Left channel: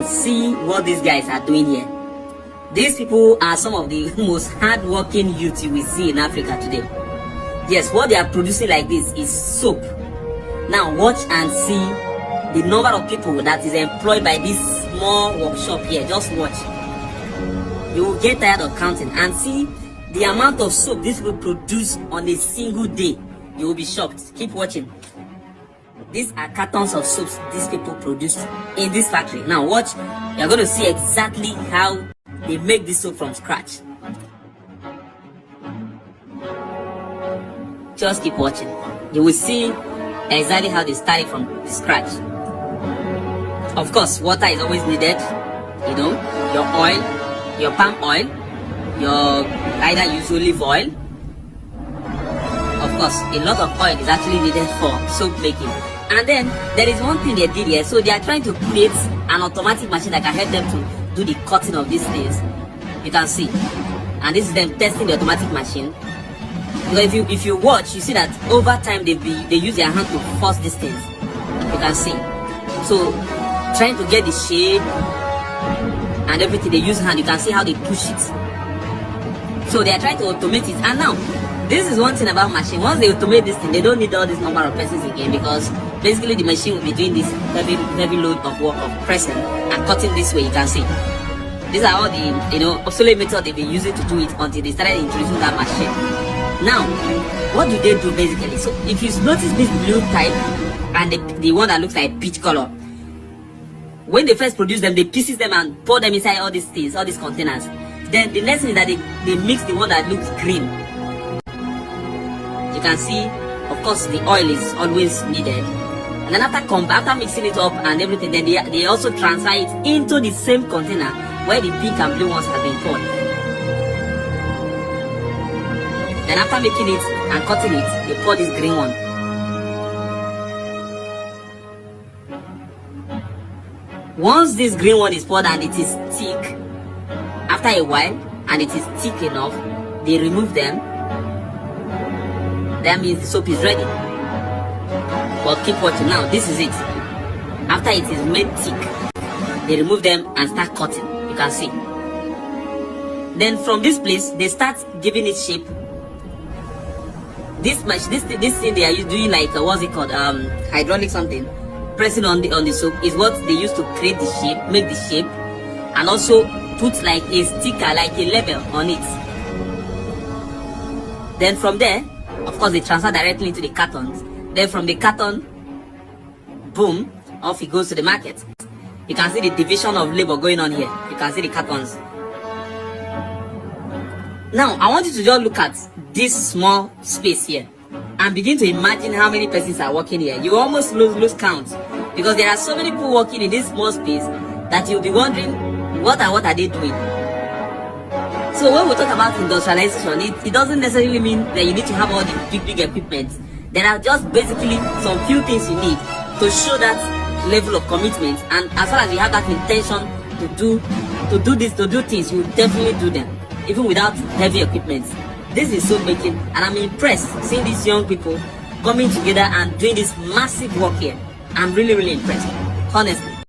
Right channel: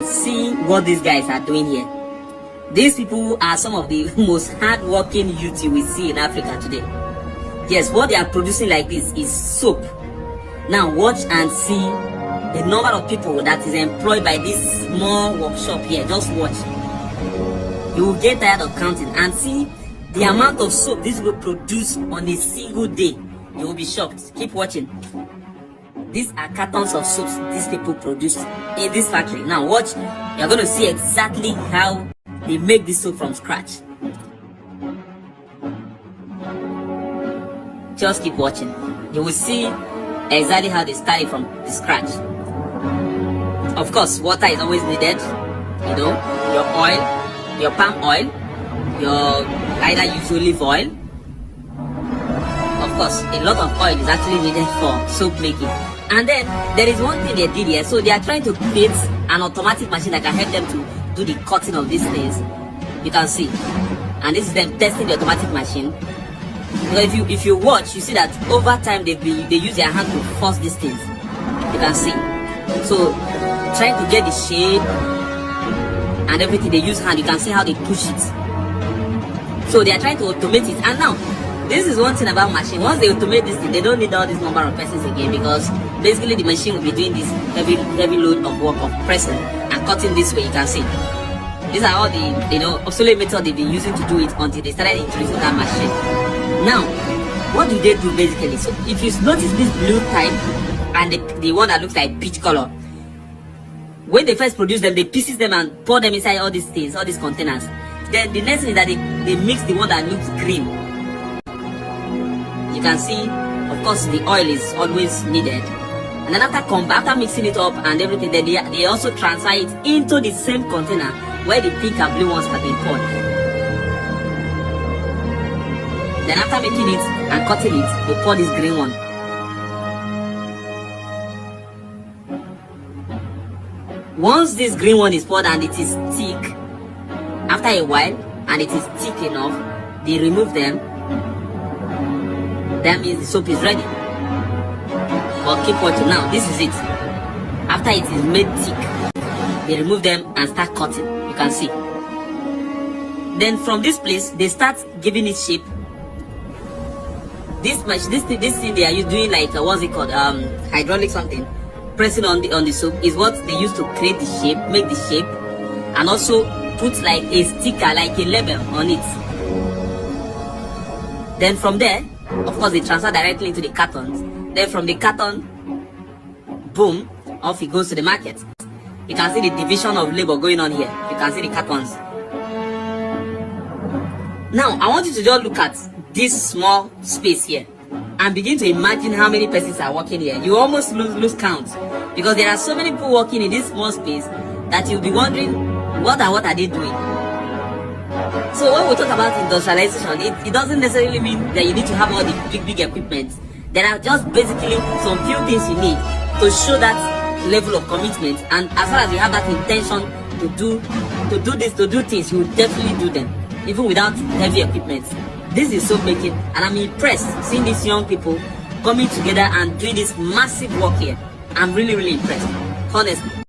See what these guys are doing here. These people are some of the most hard-working youth you will see in Africa today. Yes, what they are producing like this is soap. Now watch and see the number of people that is employed by this small workshop here. Just watch. You will get tired of counting and see the amount of soap these people produce on a single day. You will be shocked. Keep watching. These are cartons of soaps these people produce in this factory. Now watch, you're going to see exactly how they make this soap from scratch. Just keep watching. You will see exactly how they start it from the scratch. Of course, water is always needed. You know, your oil, your palm oil, your either use olive oil. Of course, a lot of oil is actually needed for soap making. And then there is one thing they did here. So they are trying to create an automatic machine that can help them to do the cutting of these things. You can see. And this is them testing the automatic machine. Because if you watch, you see that over time they use their hand to force these things. You can see. So trying to get the shape and everything, they use hand. You can see how they push it. So they are trying to automate it. And now, this is one thing about machine. Once they automate this thing, they don't need all this number of persons again, because basically the machine will be doing this heavy load of work of pressing and cutting this way. You can see. These are all the obsolete methods they've been using to do it until they started introducing that machine. Now, what do they do basically? So if you notice this blue type and the one that looks like peach color, when they first produce them, they pieces them and pour them inside all these things, all these containers. Then the next thing is that they mix the one that looks green. You can see, of course, the oil is always needed. And then after mixing it up and everything, then they also transfer it into the same container where the pink and blue ones have been poured. Then after making it and cutting it, they pour this green one. Once this green one is poured and it is thick, after a while, and it is thick enough, they remove them. That means the soap is ready. But keep watching now. This is it. After it is made thick, they remove them and start cutting. You can see. Then from this place, they start giving it shape. This thing they are doing, like what's it called? Hydraulic something. Pressing on the soap is what they use to create the shape, make the shape, and also put like a sticker, like a label on it. Then from there, of course, they transfer directly into the cartons. Then from the carton, boom, off it goes to the market. You can see the division of labor going on here. You can see the cartons. Now, I want you to just look at this small space here and begin to imagine how many persons are working here. You almost lose count, because there are so many people working in this small space that you'll be wondering what are they doing. So when we talk about industrialization, it doesn't necessarily mean that you need to have all the big equipment. There are just basically some few things you need to show that level of commitment. And as far as you have that intention to do things, you will definitely do them, even without heavy equipment. This is soap making, and I'm impressed seeing these young people coming together and doing this massive work here. I'm really impressed, honestly.